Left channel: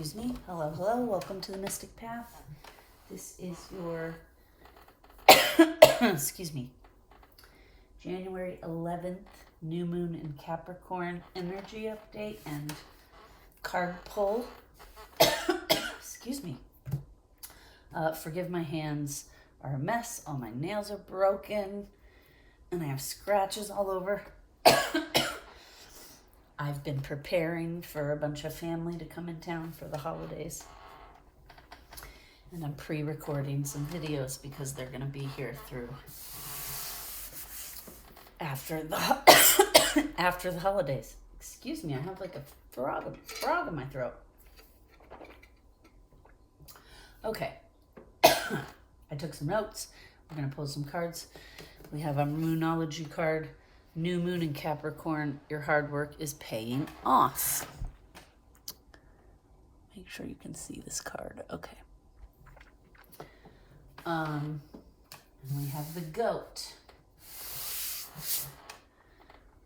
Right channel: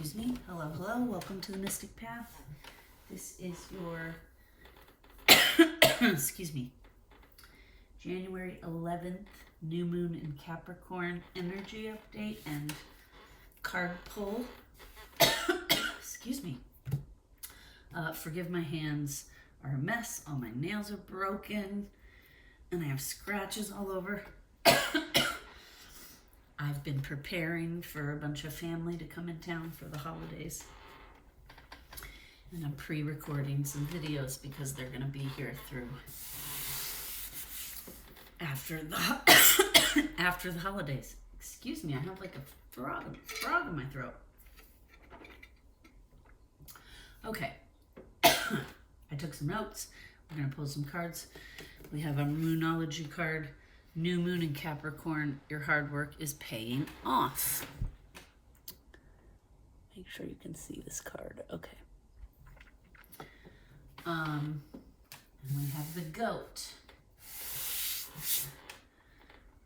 Excuse me. Hello, hello. Welcome to the Mystic Path. This is your, excuse me, January 11th, new moon in Capricorn energy update and card pull. Excuse me. Forgive my hands are a mess. All my nails are broken and I have scratches all over. I've been preparing for a bunch of family to come in town for the holidays. And I'm pre-recording some videos because they're going to be here through after the holidays. Excuse me, I have like a frog in my throat. Okay. I took some notes. We're going to pull some cards. We have a Moonology card. New moon in Capricorn, your hard work is paying off. Make sure you can see this card. Okay. And we have the goat.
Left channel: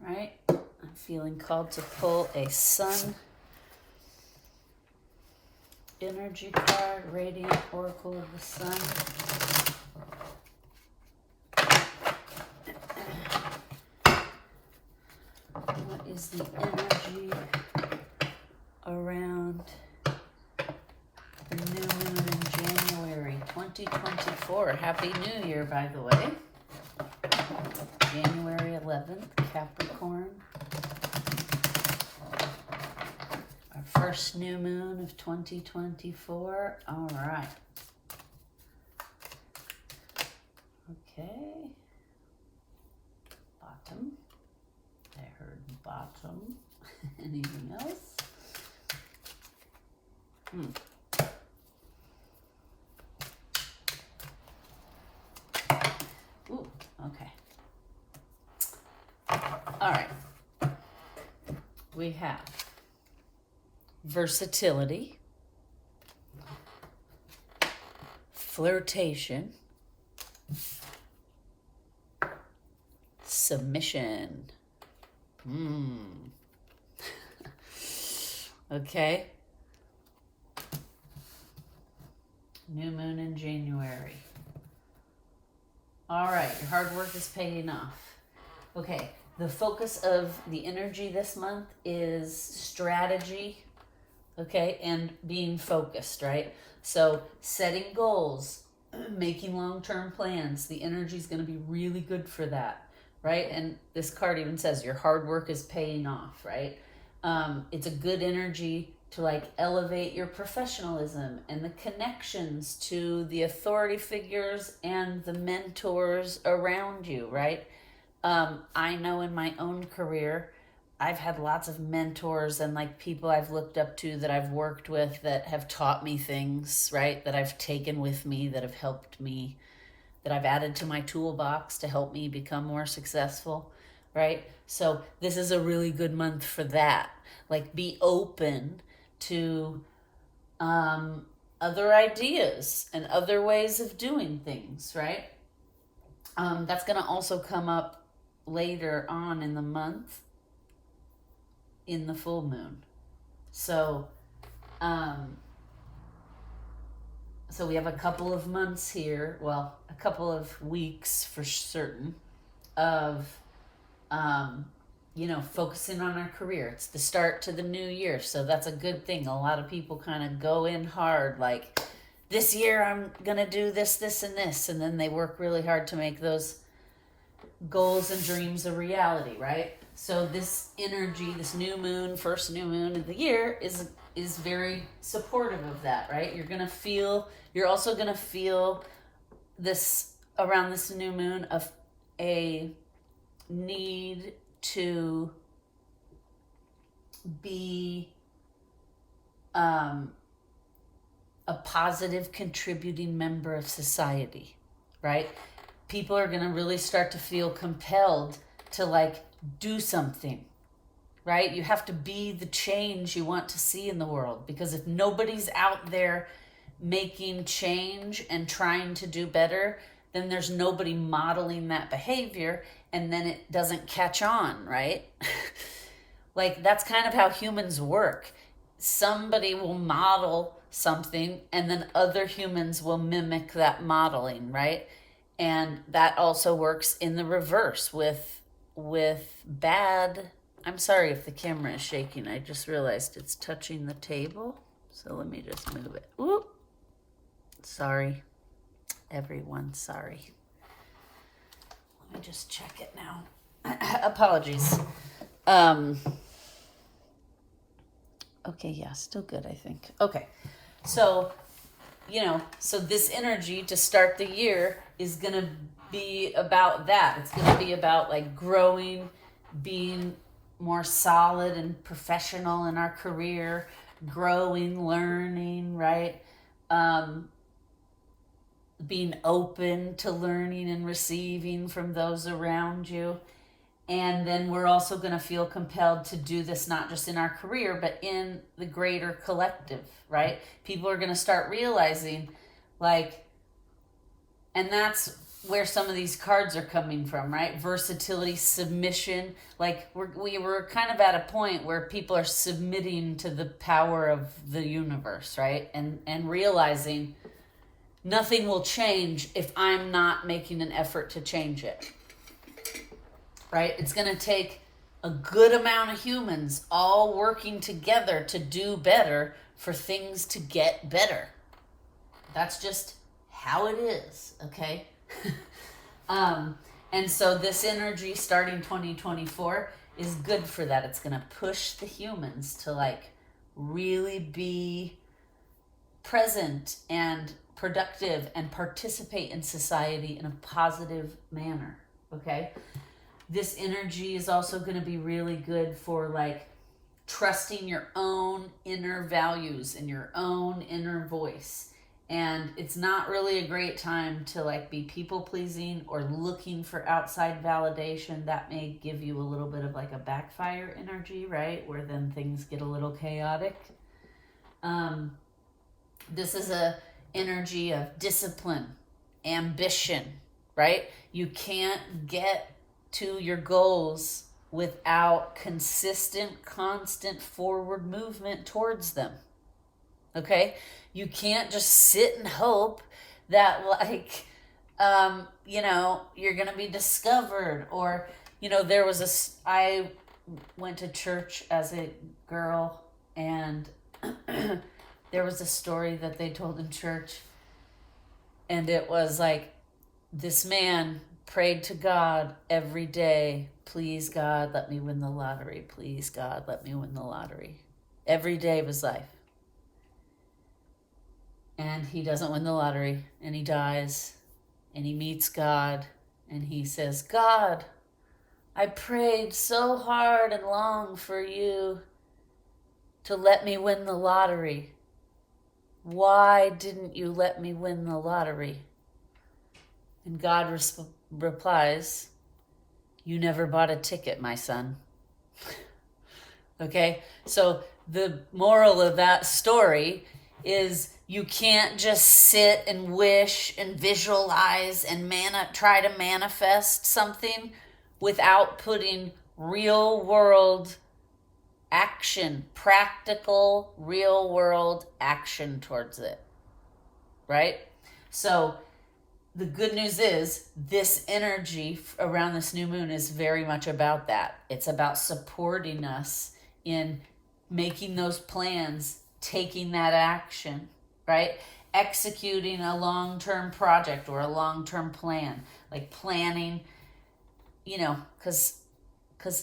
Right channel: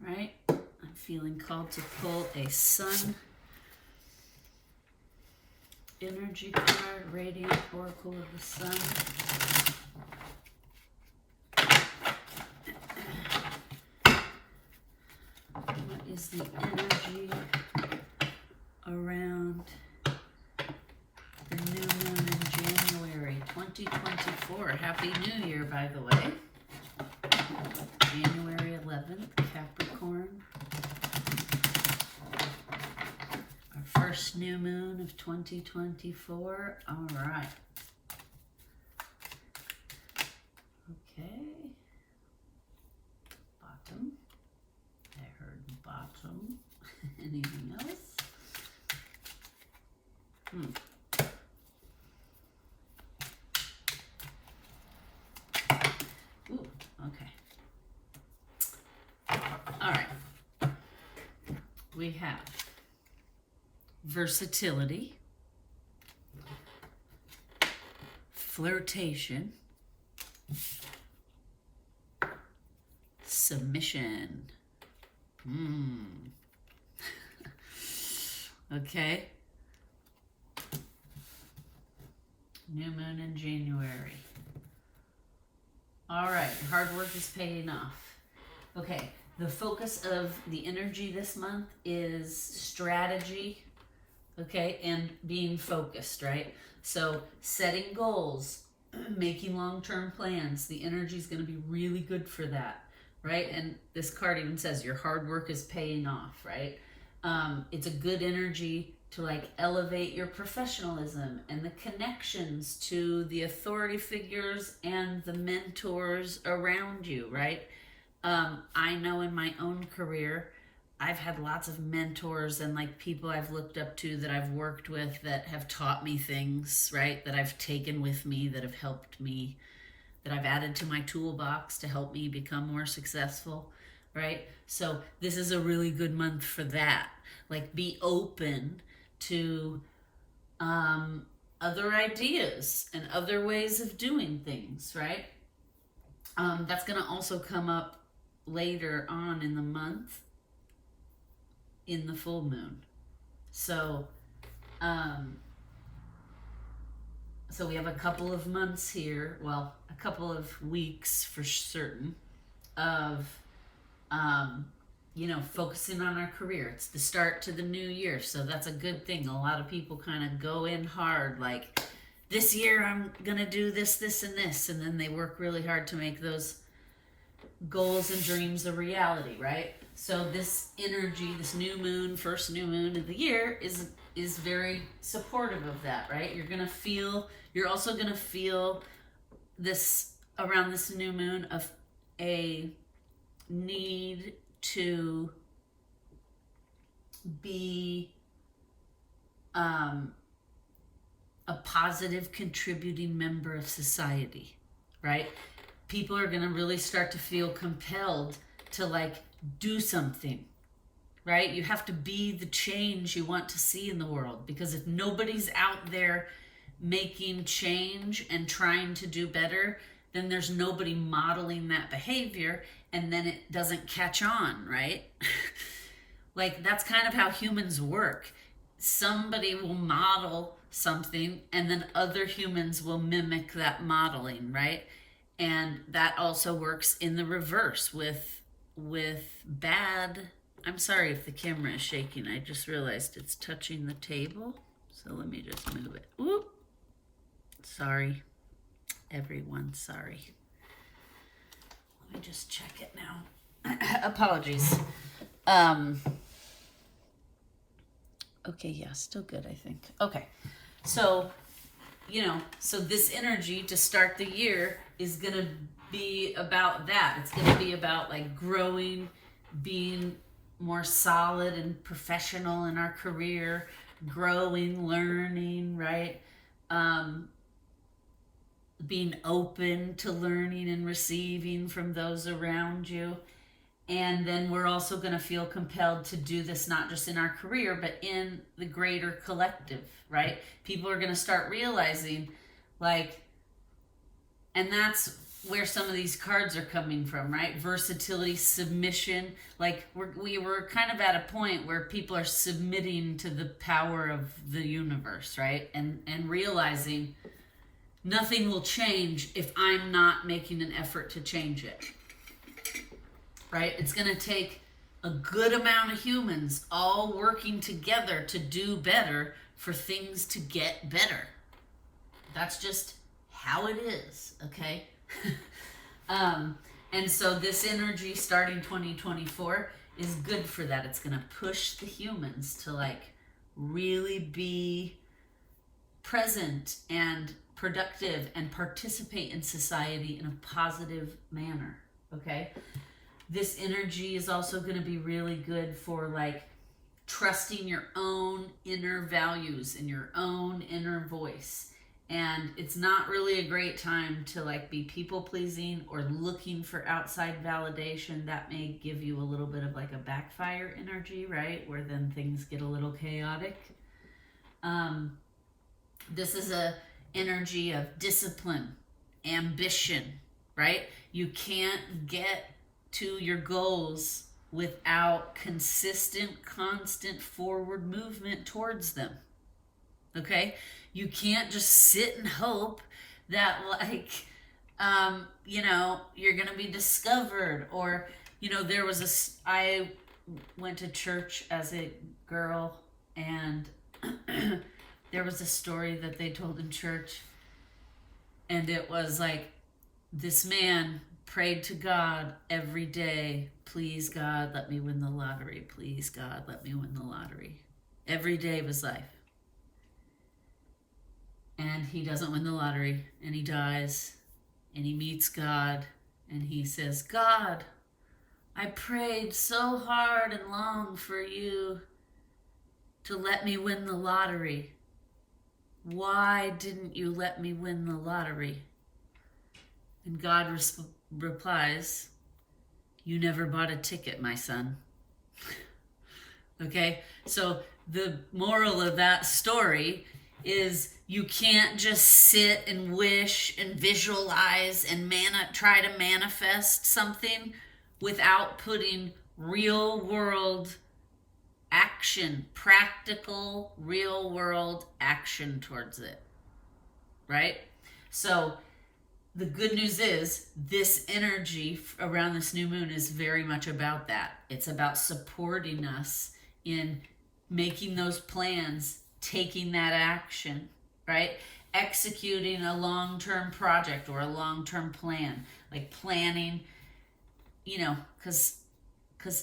Right? I'm feeling called to pull a sun energy card, radiant oracle of the sun. What is the energy around the new moon in January 2024? Happy New Year, by the way. January 11th, Capricorn. Our first new moon of 2024. All right. Okay. Bottom. I heard bottom. Anything else? Ooh, okay. All right. We have versatility, flirtation, submission. Okay. New moon in January. All right, your hard work is paying off. Okay, the focus of the energy this month is strategy, okay, and being focused, right? So setting goals, making long-term plans, the energy is going to be really good for that. Right? And this card even says your hard work is paying off, right? It's a good energy to like elevate your professionalism and the connections to the authority figures and the mentors around you, right? I know in my own career, I've had lots of mentors and like people I've looked up to that I've worked with that have taught me things, right? That I've taken with me, that have helped me, that I've added to my toolbox to help me become more successful, right? So this is a really good month for that. Like be open to other ideas and other ways of doing things, right? That's gonna also come up later on in the month in the full moon. So, so we have a couple of months here, well, a couple of weeks for certain, of, focusing on our career. It's the start to the new year, so that's a good thing. A lot of people kind of go in hard, like, this year I'm going to do this, this, and this, and then they work really hard to make those goals and dreams a reality, right? So this energy, this new moon, first new moon of the year is very supportive of that, right? You're also going to feel this around this new moon of a need to be a positive contributing member of society, right? People are going to really start to feel compelled to like do something, right? You have to be the change you want to see in the world, because if nobody's out there making change and trying to do better, then there's nobody modeling that behavior, and then it doesn't catch on, right? Like that's kind of how humans work. somebody will model something and then other humans will mimic that modeling, right? And that also works in the reverse with bad. I'm sorry if the camera is shaking. I just realized it's touching the table. So let me just move it. Ooh. Sorry. Everyone, sorry. Let me just check it now. Apologies. Okay, yeah, still good, I think. Okay. So, so this energy to start the year is going to be about that. It's going to be about like growing, being more solid and professional in our career, growing, learning, right? Being open to learning and receiving from those around you. And then we're also going to feel compelled to do this not just in our career, but in the greater collective, right? People are going to start realizing, like, and that's where some of these cards are coming from, right? Versatility, submission. Like, we were kind of at a point where people are submitting to the power of the universe, right? And realizing nothing will change if I'm not making an effort to change it. Right? It's going to take a good amount of humans all working together to do better for things to get better. That's just how it is, okay? And so this energy starting 2024 is good for that. It's going to push the humans to like really be present and productive and participate in society in a positive manner, okay? This energy is also going to be really good for like trusting your own inner values and your own inner voice. And it's not really a great time to like be people pleasing or looking for outside validation. That may give you a little bit of like a backfire energy, right? Where then things get a little chaotic. This is a energy of discipline, ambition, right? You can't get to your goals without consistent, constant forward movement towards them. Okay? You can't just sit and hope that like, you're going to be discovered or, I went to church as a girl and there was a story that they told in church and it was like this man prayed to God every day, please God, let me win the lottery. Please God, let me win the lottery. Every day of his life. And he doesn't win the lottery and he dies and he meets God and he says, God, I prayed so hard and long for you to let me win the lottery. Why didn't you let me win the lottery? And God replies, you never bought a ticket, my son. Okay, so the moral of that story is you can't just sit and wish and visualize and try to manifest something without putting real world action, practical real world action towards it, right? So the good news is this energy around this new moon is very much about that. It's about supporting us in making those plans, taking that action, right? Executing a long-term project or a long-term plan, like planning, because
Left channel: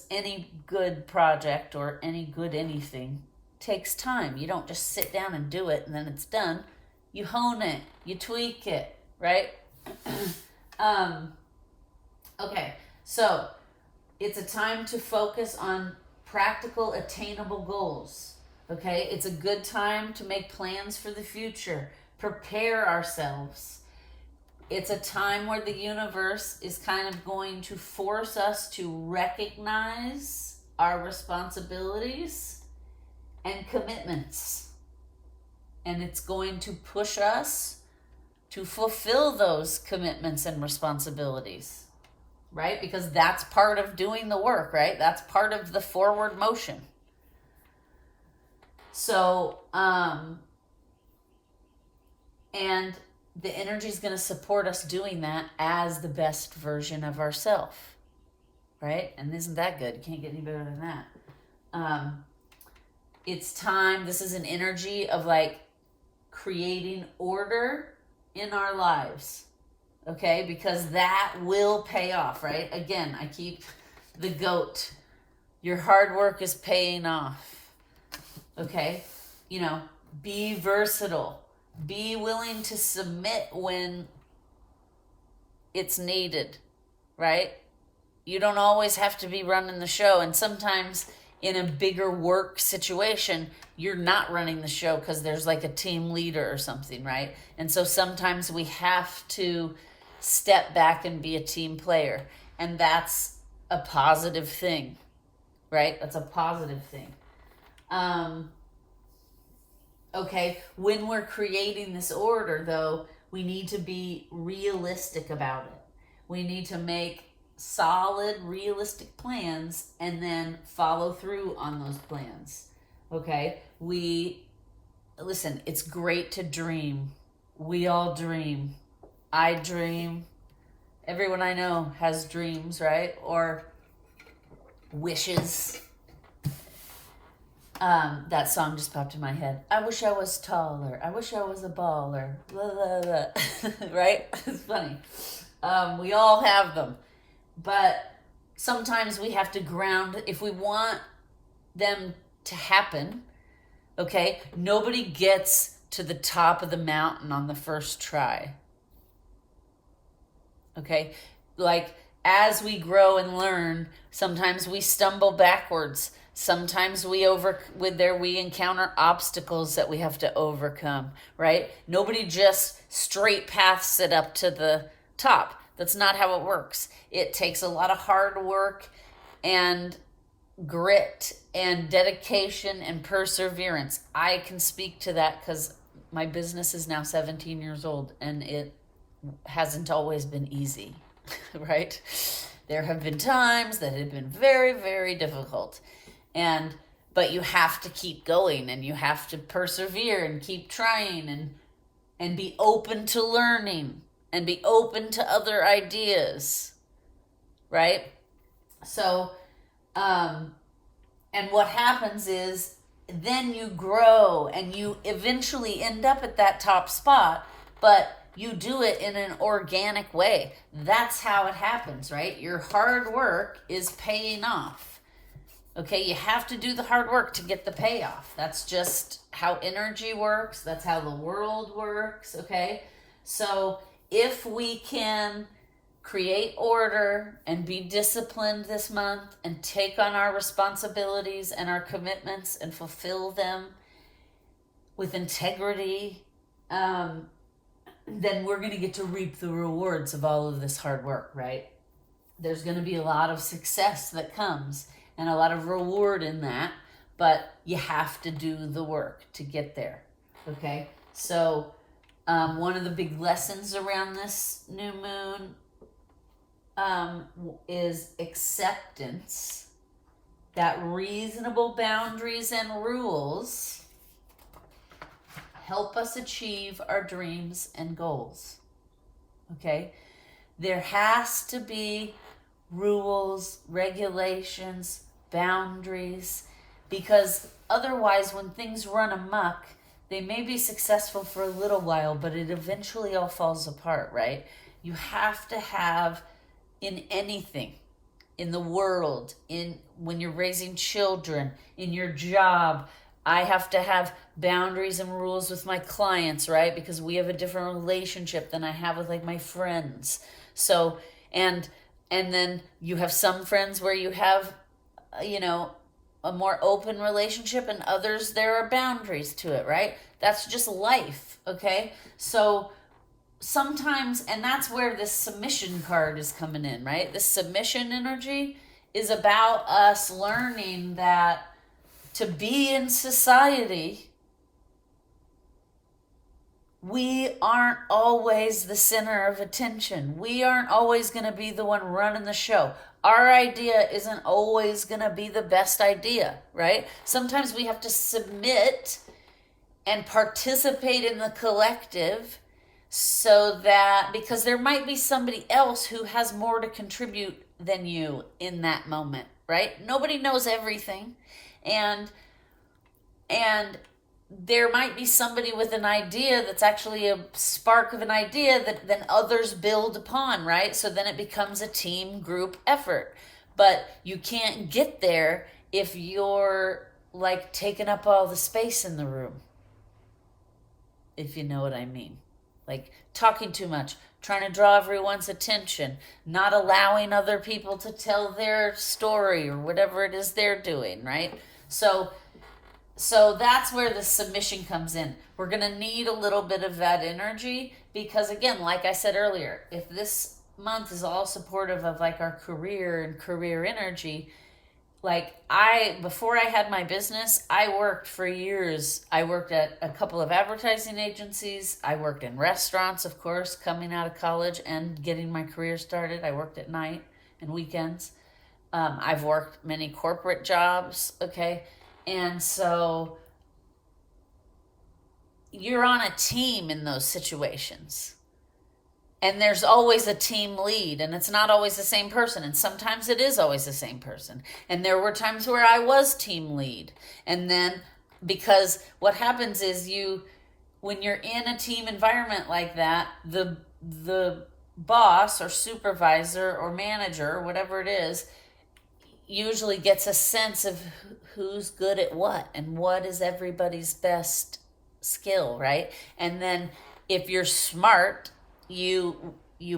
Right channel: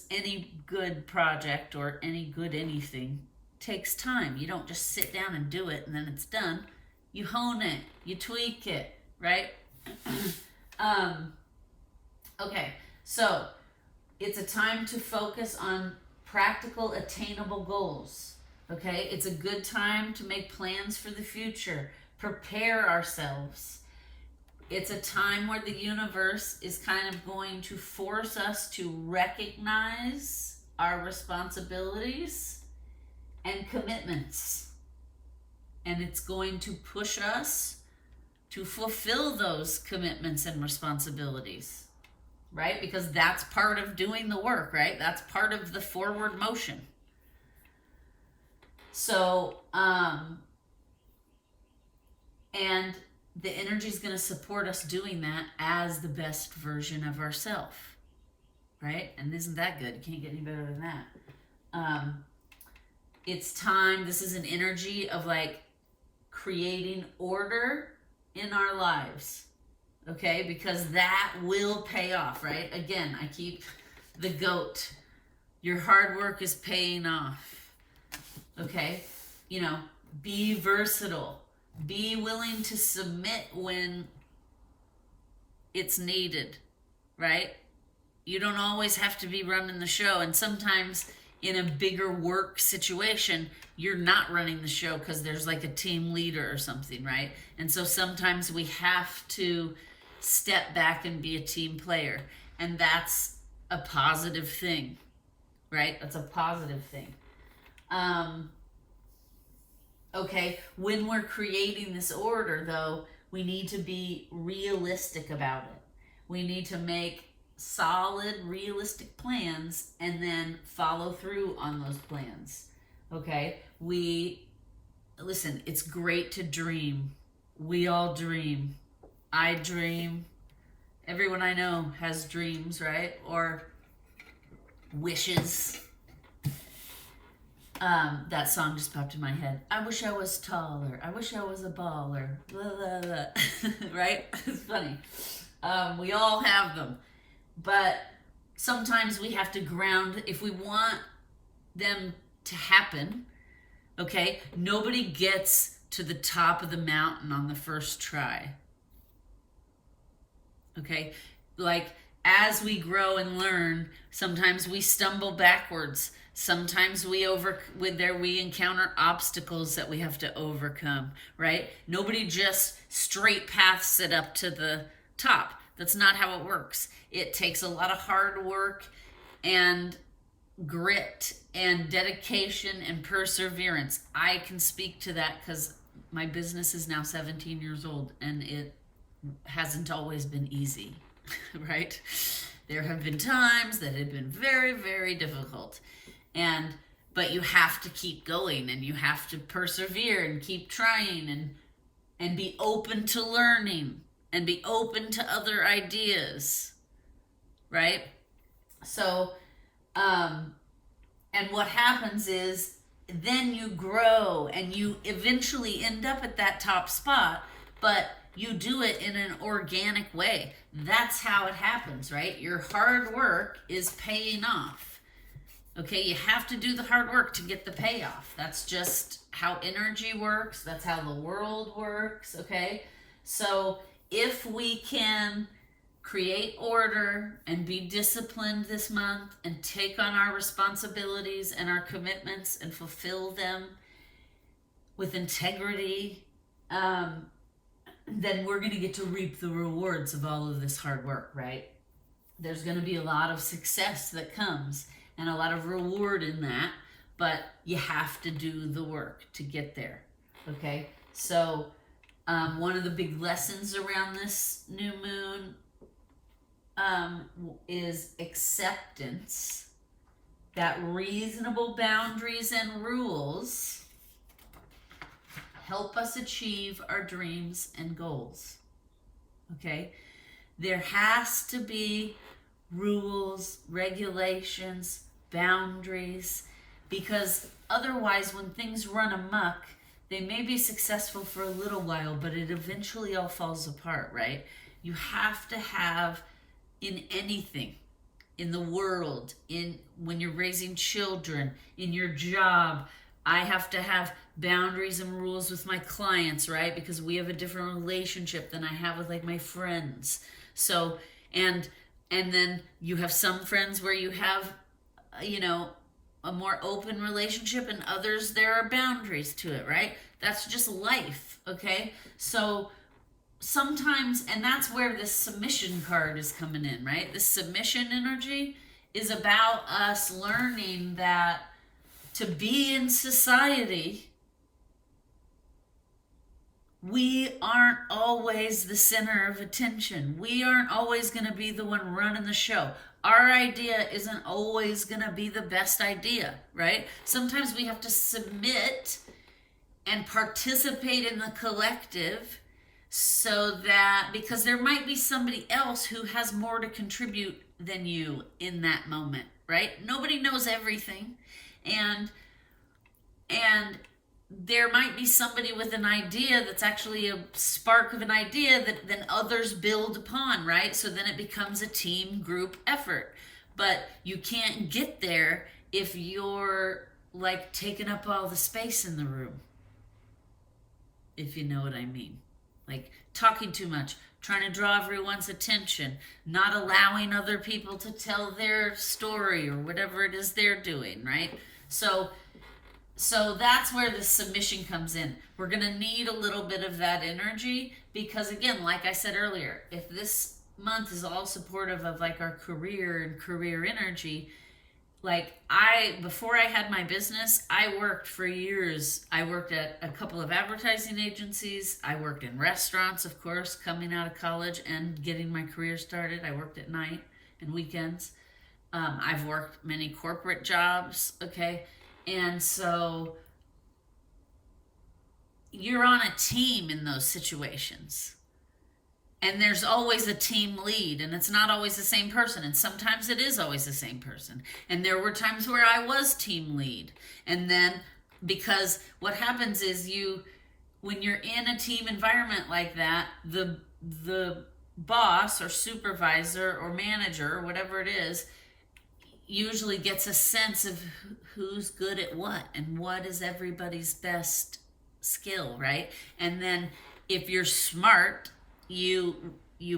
any good project or any good anything takes time. You don't just sit down and do it and then it's done. You hone it, you tweak it, right? Okay, so it's a time to focus on practical, attainable goals. Okay, it's a good time to make plans for the future, prepare ourselves. It's a time where the universe is kind of going to force us to recognize our responsibilities and commitments. And it's going to push us to fulfill those commitments and responsibilities, right? Because that's part of doing the work, right? That's part of the forward motion. So, and the energy is going to support us doing that as the best version of ourselves, right? And isn't that good? You can't get any better than that. It's time. This is an energy of like creating order in our lives, okay? Because that will pay off, right? Again, I keep the goat. Your hard work is paying off, okay? You know, be versatile. Be willing to submit when it's needed, right? You don't always have to be running the show. And sometimes in a bigger work situation, you're not running the show because there's like a team leader or something, right? And so sometimes we have to step back and be a team player. And that's a positive thing, right? That's a positive thing. Okay, when we're creating this order, though, we need to be realistic about it. We need to make solid, realistic plans and then follow through on those plans. Okay, listen, it's great to dream. We all dream. I dream. Everyone I know has dreams, right? Or wishes. That song just popped in my head. I wish I was taller. I wish I was a baller. Blah, blah, blah. Right? It's funny. We all have them. But sometimes we have to ground if we want them to happen. Okay? Nobody gets to the top of the mountain on the first try. Okay? Like, as we grow and learn, sometimes we stumble backwards. Sometimes we encounter obstacles that we have to overcome, right? Nobody just straight paths it up to the top. That's not how it works. It takes a lot of hard work and grit and dedication and perseverance. I can speak to that because my business is now 17 years old and it hasn't always been easy, right? There have been times that have been very, very difficult. But you have to keep going and you have to persevere and keep trying and be open to learning and be open to other ideas, right? So, and what happens is then you grow and you eventually end up at that top spot, but you do it in an organic way. That's how it happens, right? Your hard work is paying off. Okay, you have to do the hard work to get the payoff. That's just how energy works. That's how the world works, okay? So if we can create order and be disciplined this month and take on our responsibilities and our commitments and fulfill them with integrity, then we're going to get to reap the rewards of all of this hard work, right? There's going to be a lot of success that comes and a lot of reward in that, but you have to do the work to get there, okay? So one of the big lessons around this new moon is acceptance, that reasonable boundaries and rules help us achieve our dreams and goals, okay? There has to be rules, regulations, boundaries, because otherwise when things run amok, they may be successful for a little while, but it eventually all falls apart, right? You have to have, in anything, in the world, when you're raising children, in your job, I have to have boundaries and rules with my clients, right? Because we have a different relationship than I have with like my friends. So, and then you have some friends where you have, a more open relationship, and others there are boundaries to it, right? That's just life, okay? So sometimes, and that's where this submission card is coming in, right? This submission energy is about us learning that to be in society, we aren't always the center of attention. We aren't always going to be the one running the show. our idea isn't always going to be the best idea, right? Sometimes we have to submit and participate in the collective, so that, because there might be somebody else who has more to contribute than you in that moment, right? Nobody knows everything. And there might be somebody with an idea that's actually a spark of an idea that then others build upon, right? So then it becomes a team group effort. But you can't get there if you're like taking up all the space in the room, if you know what I mean. Like talking too much, trying to draw everyone's attention, not allowing other people to tell their story or whatever it is they're doing, right? So that's where the submission comes in. We're going to need a little bit of that energy because, again, like I said earlier, if this month is all supportive of like our career and career energy, like before I had my business, I worked for years. I worked at a couple of advertising agencies. I worked in restaurants, of course, coming out of college and getting my career started. I worked at night and weekends. I've worked many corporate jobs, okay? And so you're on a team in those situations. And there's always a team lead, and it's not always the same person. And sometimes it is always the same person. And there were times where I was team lead. And then, because what happens is when you're in a team environment like that, the boss or supervisor or manager or whatever it is usually gets a sense of who's good at what and what is everybody's best skill, right? And then if you're smart, you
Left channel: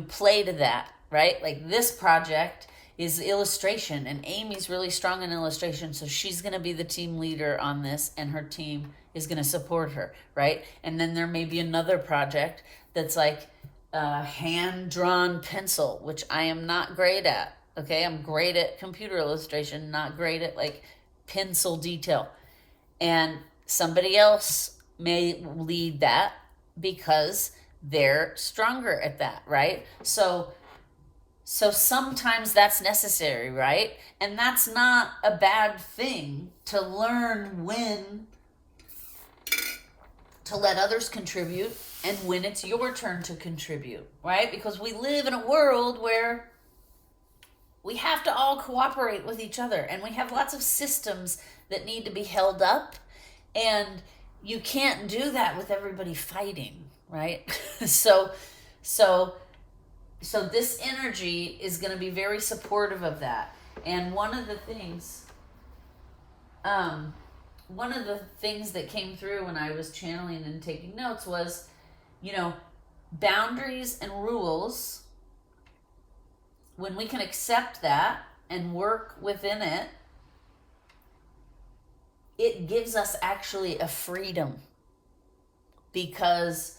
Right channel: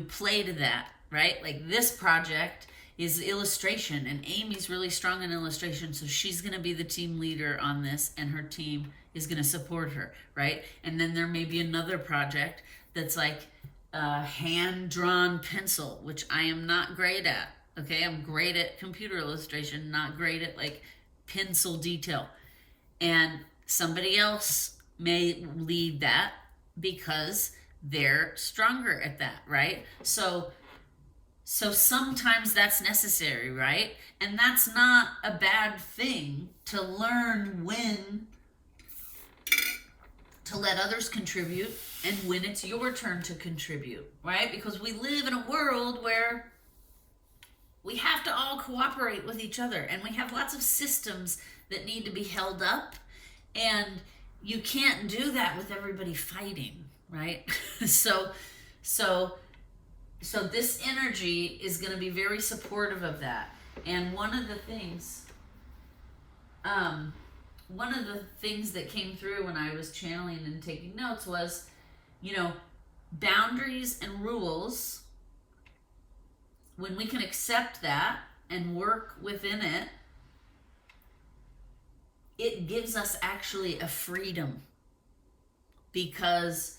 play to that, right? Like this project is illustration, and Amy's really strong in illustration, so she's going to be the team leader on this, and her team is going to support her, right? And then there may be another project that's like hand-drawn pencil, which I am not great at, okay? I'm great at computer illustration, not great at like pencil detail. And somebody else may lead that because they're stronger at that, right? So sometimes that's necessary, right? And that's not a bad thing, to learn when to let others contribute and when it's your turn to contribute, right? Because we live in a world where we have to all cooperate with each other, and we have lots of systems that need to be held up, and you can't do that with everybody fighting, right? So this energy is going to be very supportive of that. And one of the things that came through when I was channeling and taking notes was, boundaries and rules. When we can accept that and work within it, it gives us actually a freedom, because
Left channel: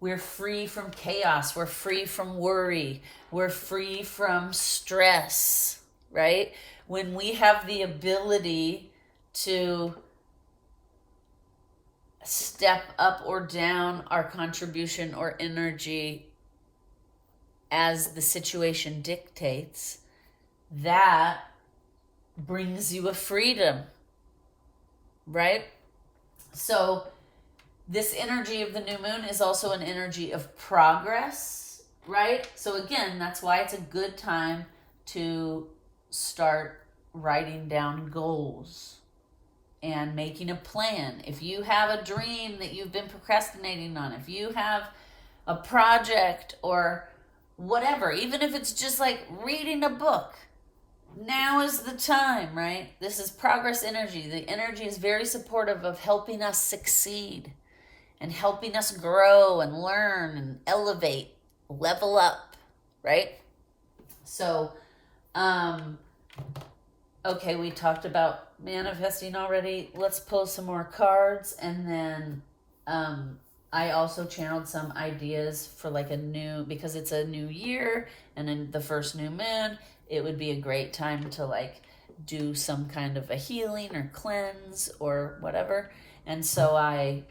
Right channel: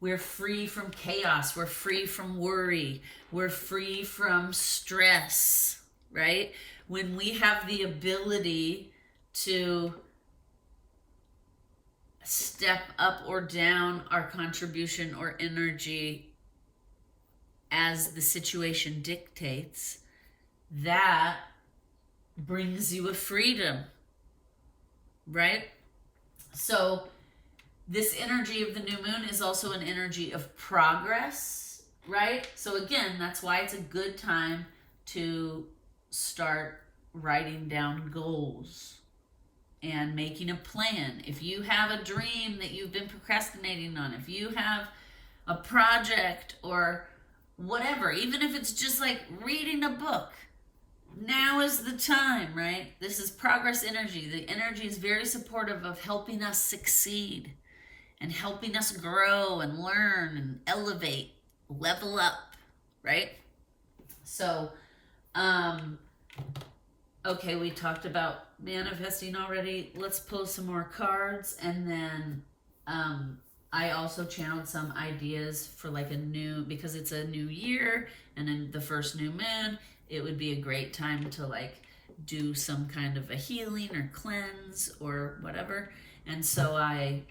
we're free from chaos, we're free from worry, we're free from stress, right? When we have the ability to step up or down our contribution or energy as the situation dictates, that brings you a freedom, right? So this energy of the new moon is also an energy of progress, right? So again, that's why it's a good time to start writing down goals and making a plan. If you have a dream that you've been procrastinating on, if you have a project or whatever, even if it's just like reading a book, now is the time, right? This is progress energy. The energy is very supportive of helping us succeed and helping us grow and learn and elevate, level up, right? So, okay, we talked about manifesting already. Let's pull some more cards, and then I also channeled some ideas for like because it's a new year and in the first new moon, it would be a great time to like do some kind of a healing or cleanse or whatever. And so I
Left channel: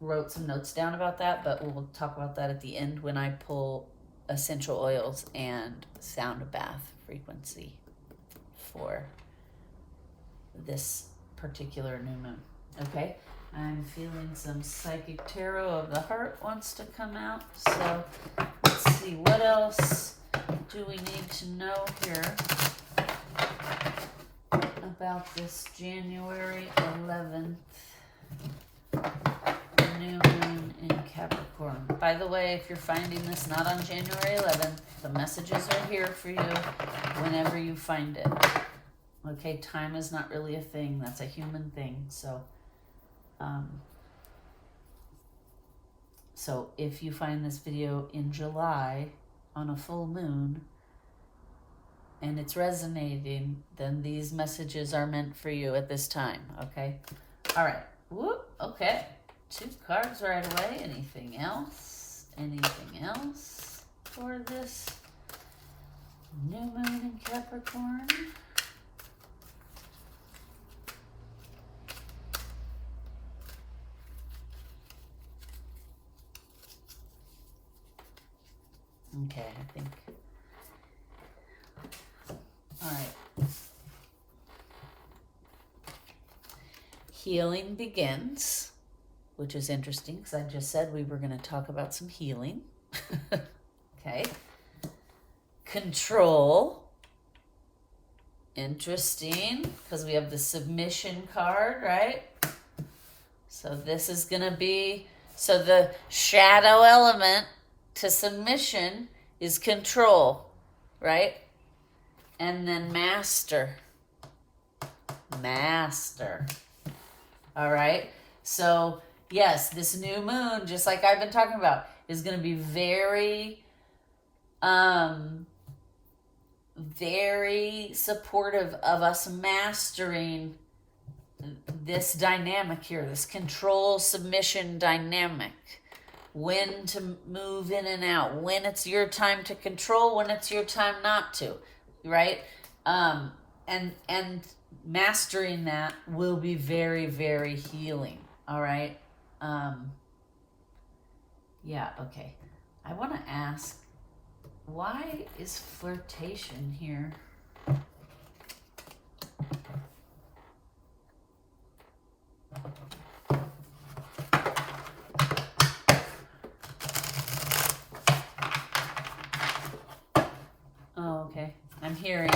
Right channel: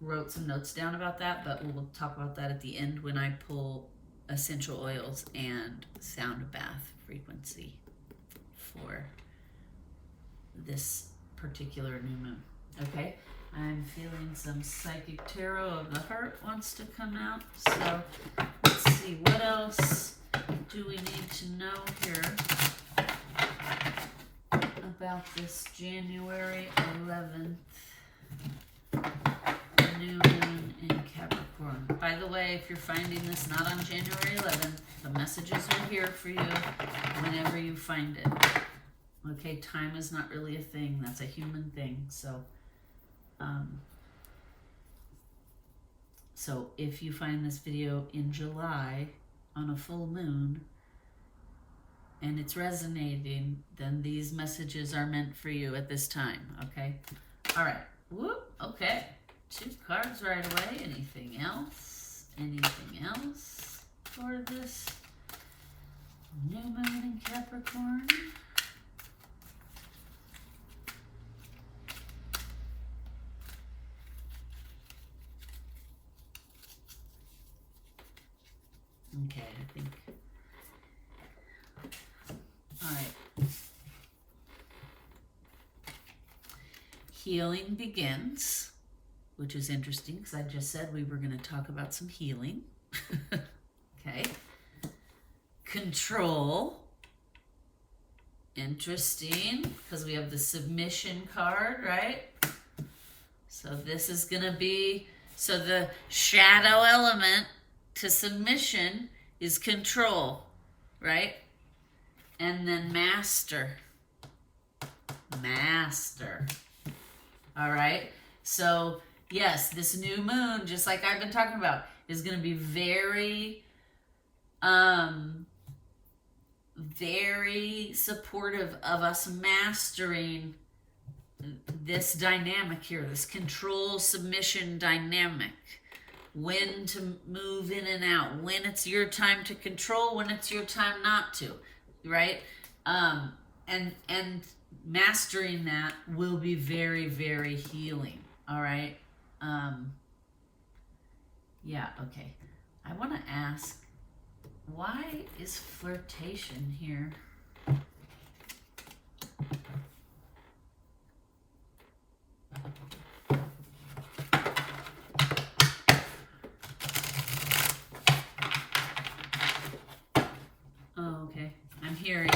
wrote some notes down about that, but we'll talk about that at the end when I pull essential oils and sound bath frequency for this particular new moon. Okay, I'm feeling some psychic tarot of the heart wants to come out. So let's see, what else do we need to know here about this January 11th new moon in Capricorn? By the way, if you're finding this not on January 11th, the messages are here for you whenever you find it. Okay, time is not really a thing. That's a human thing. So if you find this video in July on a full moon and it's resonating, then these messages are meant for you at this time. Okay. All right. Whoop. Okay. 2 cards right away. Anything else? Anything else for this new moon in Capricorn? Okay, I think. All right. Healing begins, which is interesting because I just said we were going to talk about some healing. Okay. Control. Interesting because we have the submission card, right? So this is going to be, so the shadow element to submission is control, right? And then master. All right. So yes, this new moon, just like I've been talking about, is going to be very, very supportive of us mastering this dynamic here, this control submission dynamic. When to move in and out, when it's your time to control, when it's your time not to, right? And mastering that will be very, very healing. All right. Yeah. Okay. I want to ask, why is flirtation here? Oh, okay. I'm hearing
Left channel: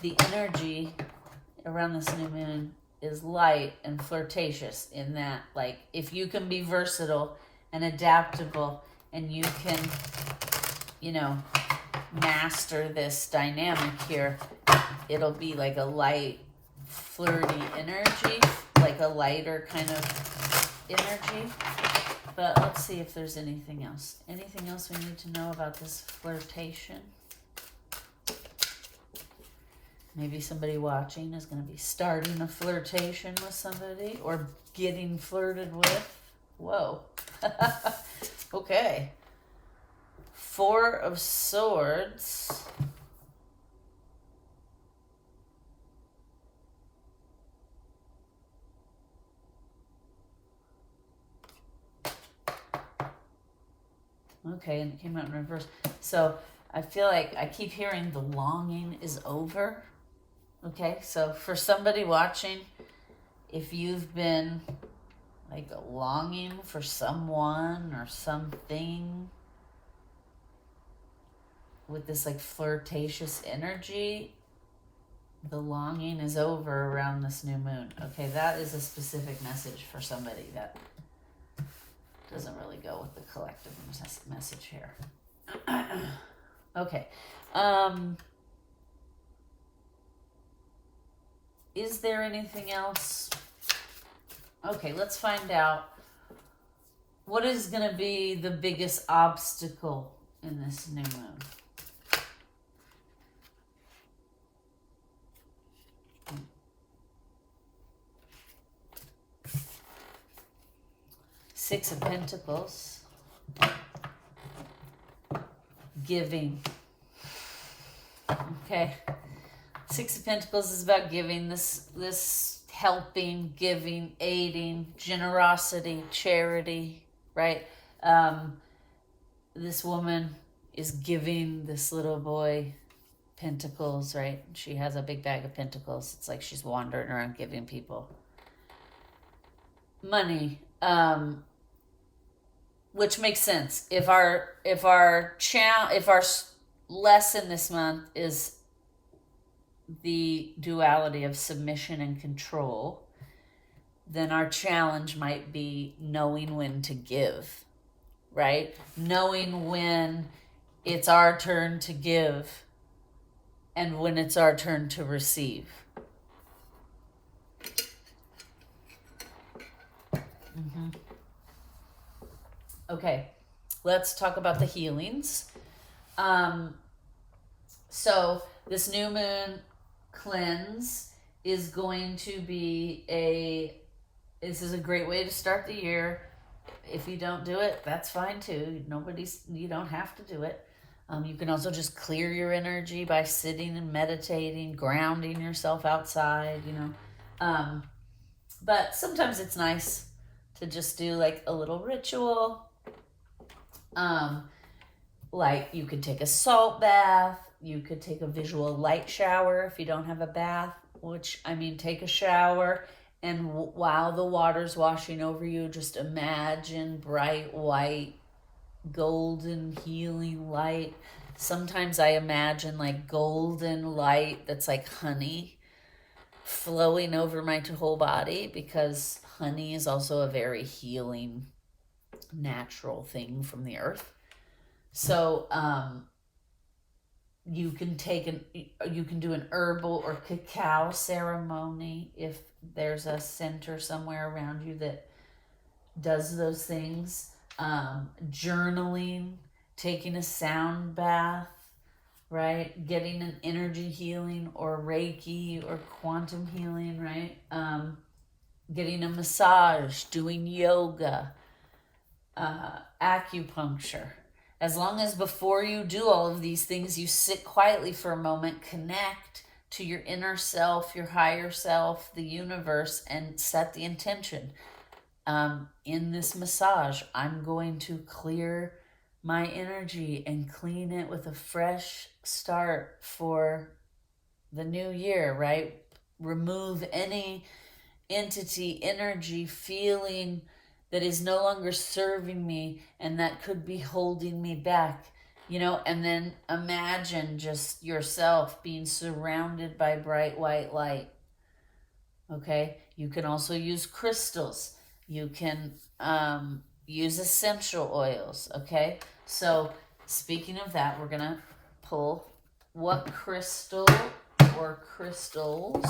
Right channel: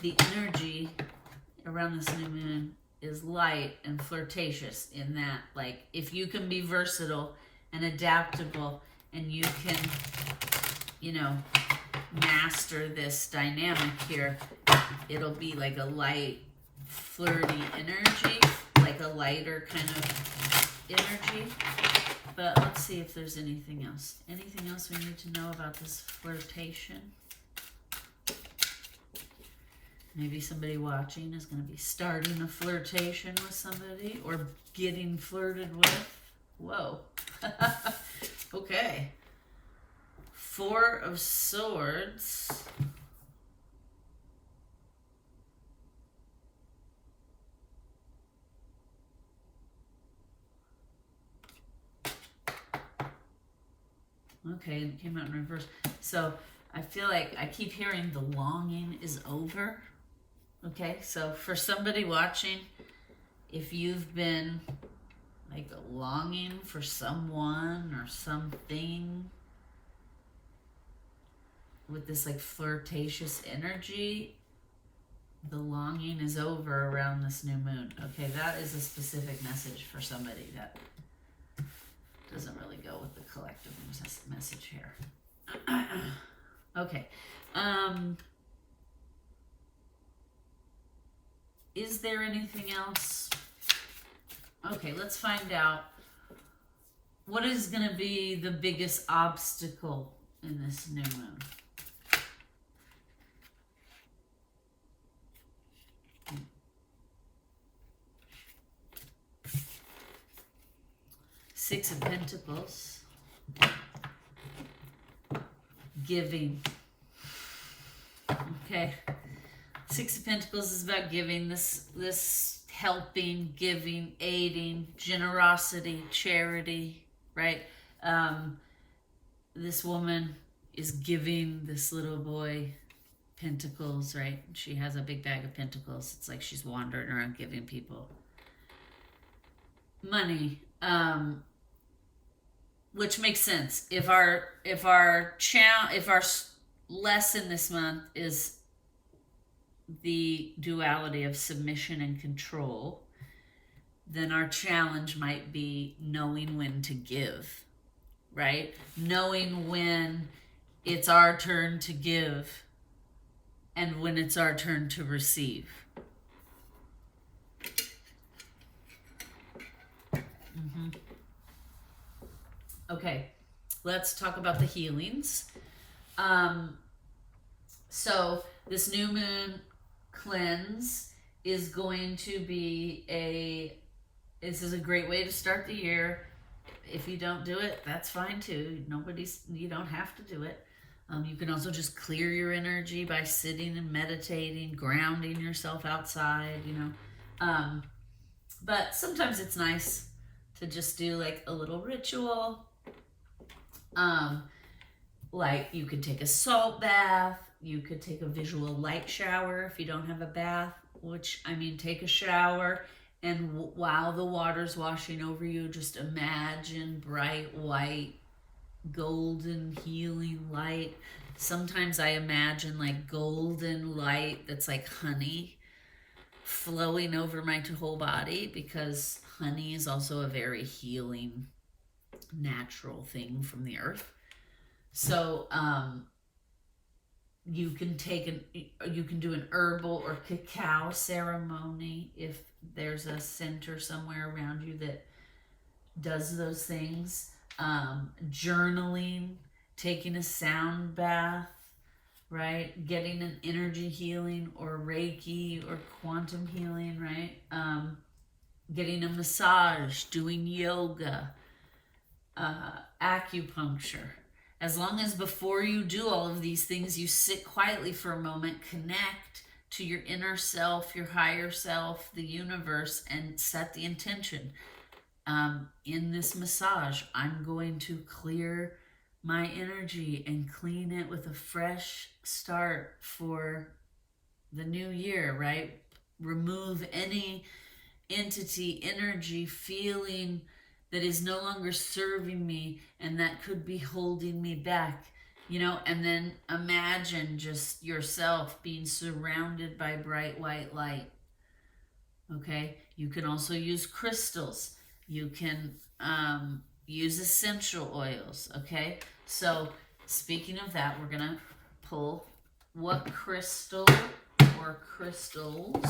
the energy around this new moon is light and flirtatious in that, like, if you can be versatile and adaptable and you can, you know, master this dynamic here, it'll be like a light, flirty energy, like a lighter kind of energy. But let's see if there's anything else. Anything else we need to know about this flirtation? Maybe somebody watching is going to be starting a flirtation with somebody or getting flirted with. Whoa. Okay. 4 of Swords. Okay, and it came out in reverse. So I feel like I keep hearing the longing is over. Okay, so for somebody watching, if you've been like longing for someone or something with this like flirtatious energy, the longing is over around this new moon. Okay, that is a specific message for somebody that doesn't really go with the collective message here. Okay. Is there anything else? Okay, let's find out. What is going to be the biggest obstacle in this new moon? Six of Pentacles. Giving. Okay. 6 of Pentacles is about giving, this helping, giving, aiding, generosity, charity, right? This woman is giving this little boy Pentacles, right? She has a big bag of pentacles. It's like she's wandering around giving people money, which makes sense. If our lesson this month is the duality of submission and control, then our challenge might be knowing when to give, right? Knowing when it's our turn to give and when it's our turn to receive. Okay, let's talk about the healings. So this new moon cleanse is going to be this is a great way to start the year. If you don't do it, that's fine too. You don't have to do it. You can also just clear your energy by sitting and meditating, grounding yourself outside, but sometimes it's nice to just do like a little ritual. Like you could take a salt bath, you could take a visual light shower if you don't have a bath, take a shower, and while the water's washing over you, just imagine bright white golden healing light. Sometimes I imagine like golden light that's like honey flowing over my whole body, because honey is also a very healing natural thing from the earth. So you can do an herbal or cacao ceremony if there's a center somewhere around you that does those things. Journaling, taking a sound bath, right? Getting an energy healing or Reiki or quantum healing, right? Getting a massage, doing yoga, acupuncture. As long as before you do all of these things, you sit quietly for a moment, connect to your inner self, your higher self, the universe, and set the intention. In this massage, I'm going to clear my energy and clean it with a fresh start for the new year, right? Remove any entity, energy, feeling that is no longer serving me and that could be holding me back, and then imagine just yourself being surrounded by bright white light. Okay, you can also use crystals. You can use essential oils. Okay, so speaking of that, we're gonna pull what crystal or crystals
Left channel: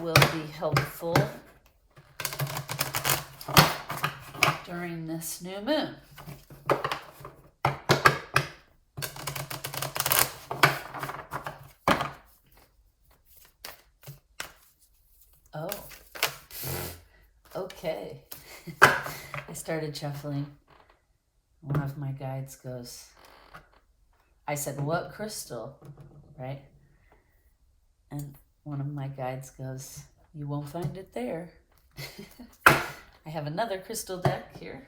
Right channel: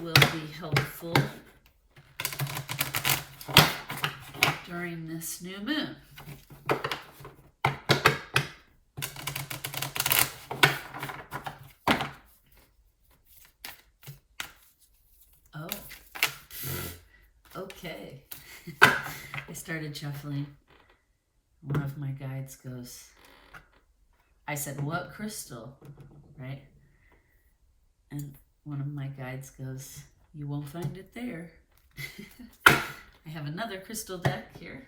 will be helpful during this new moon. Oh, okay. I started shuffling. One of my guides goes, I said, what crystal, right? And one of my guides goes, you won't find it there. I have another crystal deck here.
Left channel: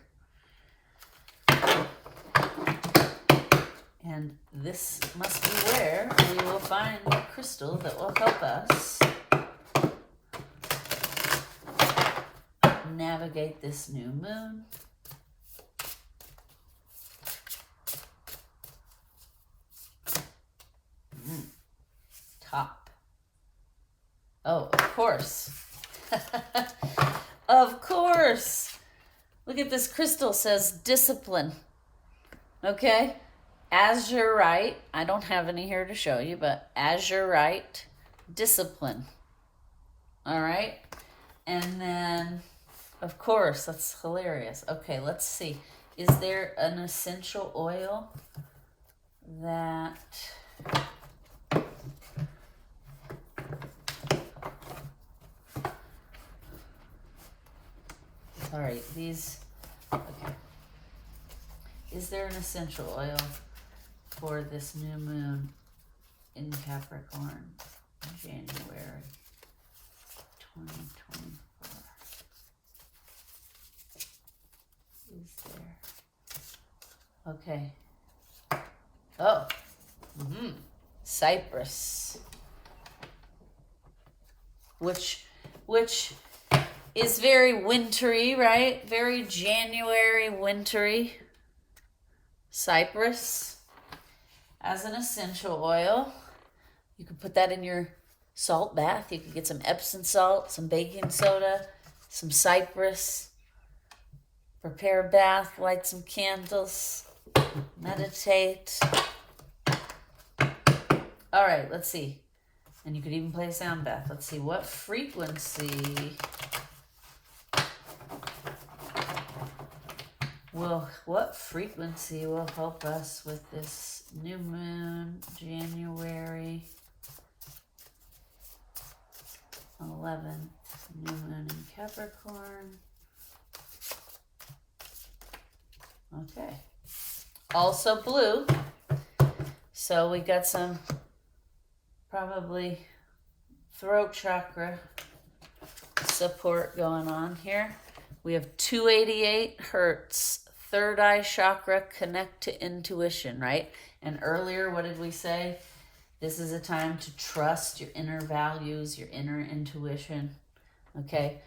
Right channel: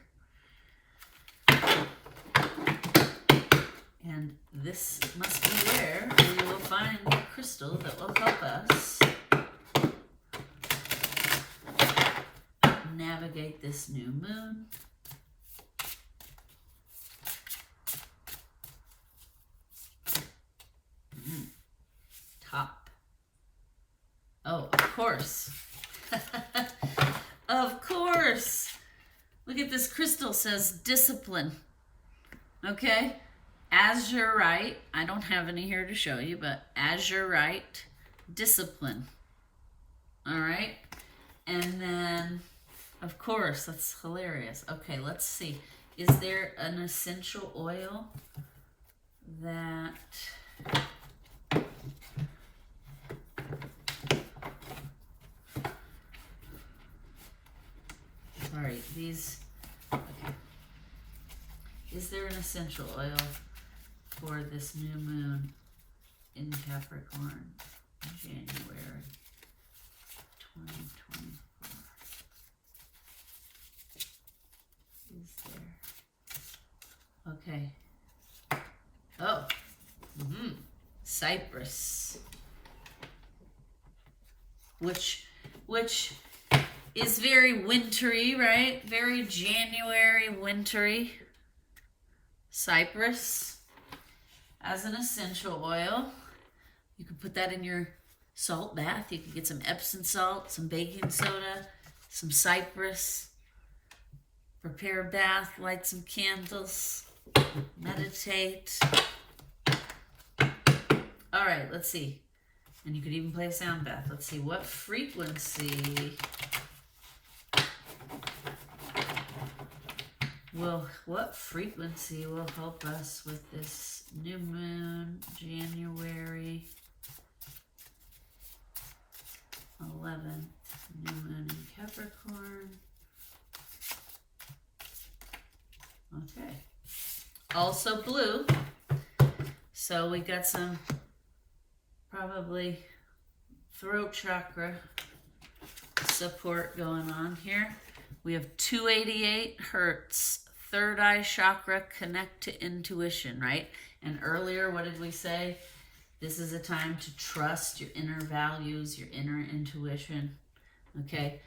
And this must be where we will find a crystal that will help us navigate this new moon. Top. Oh, of course. Of course. Look at this crystal, says discipline. Okay? Azurite. I don't have any here to show you, but azurite, discipline. All right? And then, of course, that's hilarious. Okay, let's see. Is there an essential oil that... Sorry, these... Okay. Is there an essential oil for this new moon in Capricorn, January 2024? Is there? Okay. Oh. Cypress, which is very wintry, right? Very January wintry. Cypress as an essential oil. You could put that in your salt bath. You could get some Epsom salt, some baking soda, some cypress. Prepare a bath, light some candles, meditate. All right, let's see. And you could even play a sound bath. Let's see, what frequency will help us with this new moon, January 11th, new moon in Capricorn. Okay. Also blue. So we got some probably throat chakra support going on here. We have 288 hertz, third eye chakra, connect to intuition, right? And earlier, what did we say? This is a time to trust your inner values, your inner intuition, okay?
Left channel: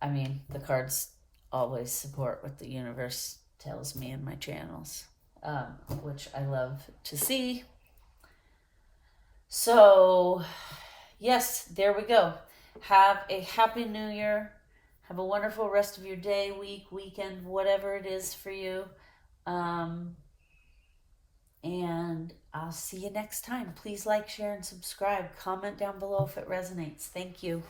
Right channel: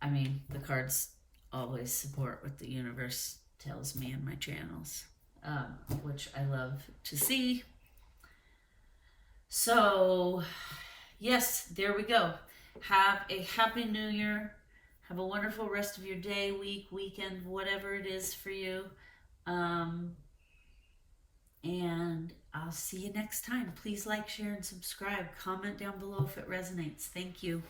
I mean, the cards always support what the universe tells me in my channels, which I love to see. So, yes, there we go. Have a happy new year. Have a wonderful rest of your day, week, weekend, whatever it is for you. And I'll see you next time. Please like, share, and subscribe. Comment down below if it resonates. Thank you.